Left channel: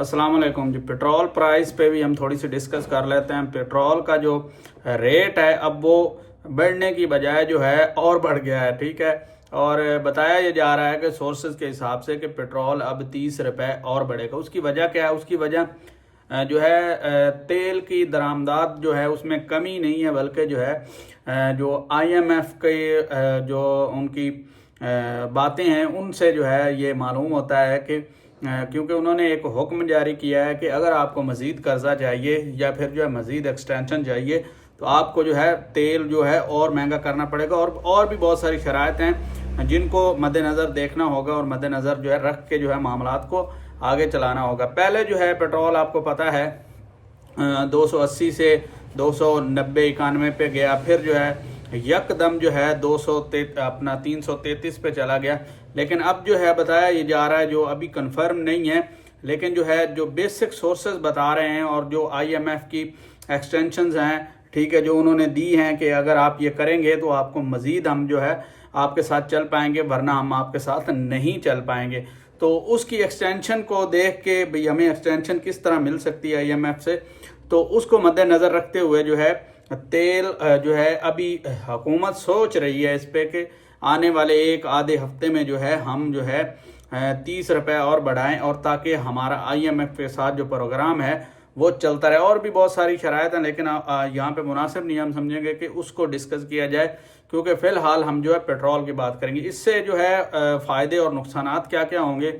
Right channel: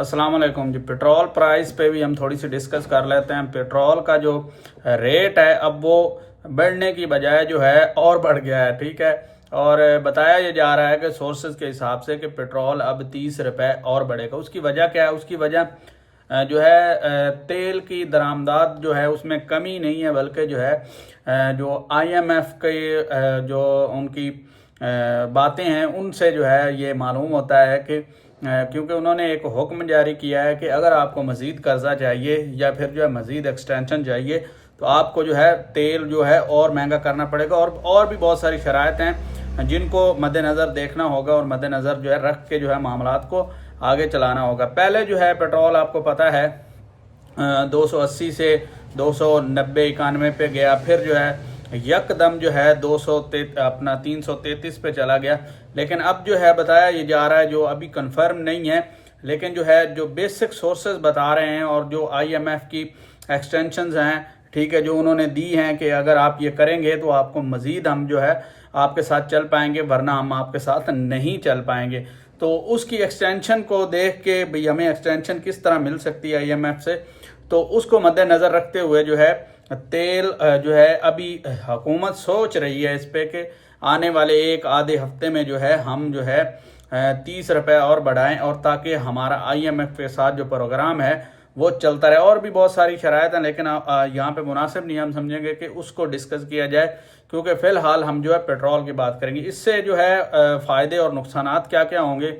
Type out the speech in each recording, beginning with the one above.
अस्सलाम वालेकुम जी। Petrol price पे भी हम थोड़ी सी डिस्कस कर लेते हैं। पेट्रोल का जो रेट है अब वो बढ़ने की बजाय जो है और बढ़ गया है, ठीक है। और बताया ये जा रहा है कि सोर्सेज के हिसाब से कि पेट्रोल अब 30 रुपए और बढ़ेगा। उसकी वजह क्या है? उसकी वजह जो है तेल की दरामदात जो है उसमें कमी नहीं है, बल्कि जो है जो IMF के जो उनकी बातें हैं उनसे जो है ये मालूम होता है कि क्योंकि उन्होंने एक हुक्म जारी किया है कि अगर आपको मज़ीद कर्जा चाहिए या फिर जो है मज़ीद एक्सटेंशन चाहिए तो आपको जो है तेल जो है और महंगा करना पड़ेगा। और भी बहुत सारी शराइत हैं जिनको मद्देनज़र देखना होगा और मद्देनज़र जो है रख के जो है मामलात को आगे चलाना होगा। पहले जो है पेट्रोल आपको पता है 280 से 290-91 पे गया, फिर जो है यकदम जो है 333 पे चला गया। लेकिन अब जो है बताया ये जा रहा है, जो अभी कंफर्म नहीं है, लेकिन जो है जो बेसिक सोर्सेज बता रहे हैं और जो IMF की एक्सटेंशंस हैं, ठीक है, जो उन्होंने दी हैं कि अगर आप ये करेंगे तो आपको मज़ीद हम जो है आपके साथ चल पाएंगे, वरना हम आपके साथ नहीं चल पाएंगे। तो उसकी एक्सटेंशन को देख के भाई हमें एक्सटेंशन किस तरह मिल सकती है IMF से, तो उसको मद्देनज़र रखते हुए जो है तेल जो है अभी हुकूमत सोच रही है इस पे कि आने वाले एक आधे हफ्ते में जो है हम जो है 30 रुपए और बढ़ाएं, और ताकि हमारा IMF के साथ जो प्रोग्राम है वो चलता रहे। और भी बहुत सारी शराइत हैं, लेकिन यहाँ पे मुनासिब नहीं हम समझेंगे कि उसको डिस्कस किया जाए, क्योंकि फ़िलहाल हम जो है पेट्रोल की बात करेंगे। इससे जो है फ़ायदे और नुकसानात क्या क्या होंगे।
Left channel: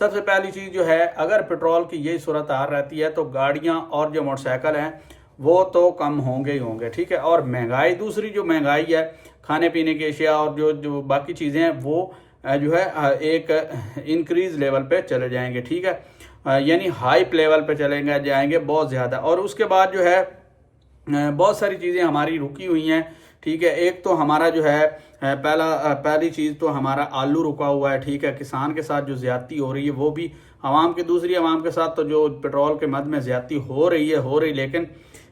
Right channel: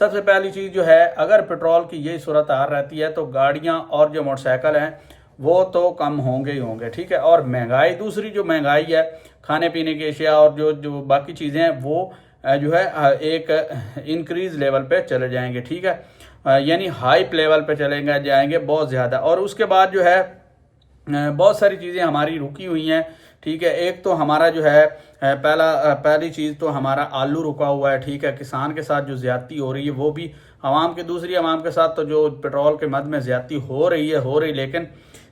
सबसे पहली चीज़ जो है, अगर पेट्रोल की यही सूरत हाल रहती है तो गाड़ियाँ और जो मोटरसाइकिल हैं वो तो कम होंगे ही होंगे, ठीक है। और महंगाई, दूसरी जो महंगाई है, खाने पीने की अशिया और जो जो बाकी चीज़ें हैं वो जो है एक इंक्रीज लेवल पे चले जाएंगे, ठीक है, यानी हाइप लेवल पे चलेंगे जाएंगे बहुत ज़्यादा। और उसके बाद जो है बहुत सारी चीज़ें हमारी रुकी हुई हैं, ठीक है। एक तो हमारा जो है पहली चीज़ तो हमारा आलू रुका हुआ है, ठीक है। किसान के साथ जो ज़्यादती हो रही है वो भी आवाम की, दूसरी आवाम के साथ तो जो पेट्रोल के मद में ज़्यादती हो रही, लेकिन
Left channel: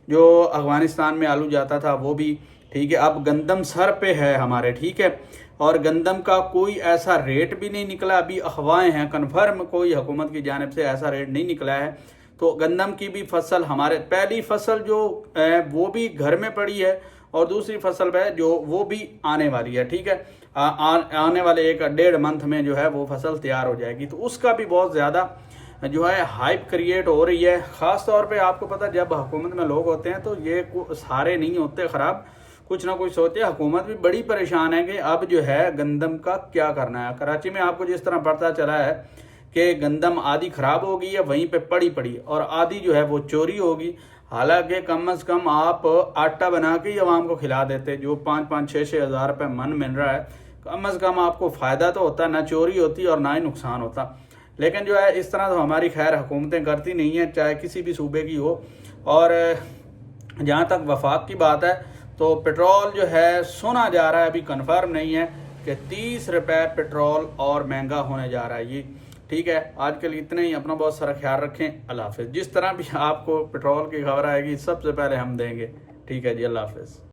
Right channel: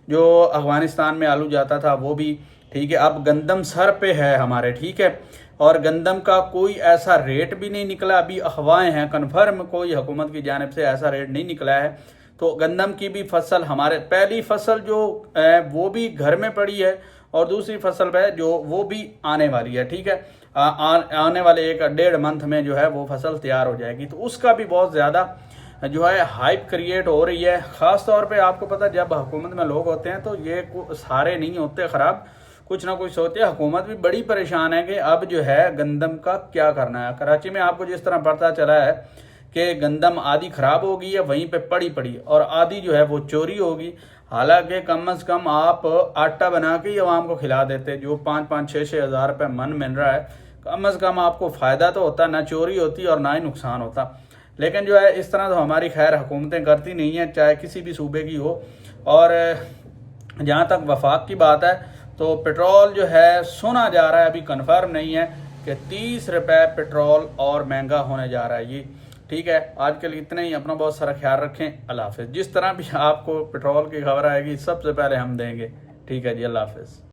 जो अफगानिस्तान में आलू जाता था वो भी, ठीक है। अब गंदम सर पे है हमारे, ठीक है, और गंदम का कोई ऐसा रेट भी नहीं निकला। अभी अफवाहें हैं, कन्फर्म कोई हुकूमत की जानिब से ऐसा रेट नहीं निकला है। तो गंदम की भी फसल, हमारे पहली फसल जो है वो भी घर में पड़ी है, और दूसरी फसल है जो वो भी आने वाली है, ठीक है। आने वाले 1-1.5 मंथ में जो है वो फसल तैयार हो जाएगी। तो उसका भी बहुत ज़्यादा जो है हाइप क्रिएट हो रही है। ख़ास तौर पे आपको पता, जब हुकूमत में लोग होते हैं तो ये सारे नहीं होते ख़राब, कुछ ना कुछ होते हैं। हुकूमत भी बड़ी परेशान है कि अब जो है गंदम का क्या करना है। कराची में आपको जिस तरह पता चला है कि गंदम आधी ख़राब हो गई है वहीं पे पड़ी और आधी जो है वो चोरी होगी। हालांकि कम अज़ कम आप आटा बना के ही आवाम को खिला देते, जो 5-5, 6-6 हज़ार रुपये मन मिल रहा है, कम अज़ कम आपको फ़ायदा तो होता, ना चोरी होती और ना ही नुकसान होता। लेकिन जो है इस तरह तो हमारी खैर हुकूमतें करती नहीं हैं, चाहे किसी भी सूबे की हो। और जहाँ तक वफाक की बात है तो पेट्रोल जो है सुना जा रहा है, अभी कंफर्म नहीं है, कि 30 रुपए पेट्रोल और महंगा होने जा रहा है ये, ठीक है। आज के लिए इतना ही। अपना बहुत सारा ख्याल रखें। अल्लाह हाफिज़। जिस तरह भी आपको पेट्रोल की खबर आएगी सबसे पहले हम देंगे, ठीक है जी। अल्लाह हाफिज़।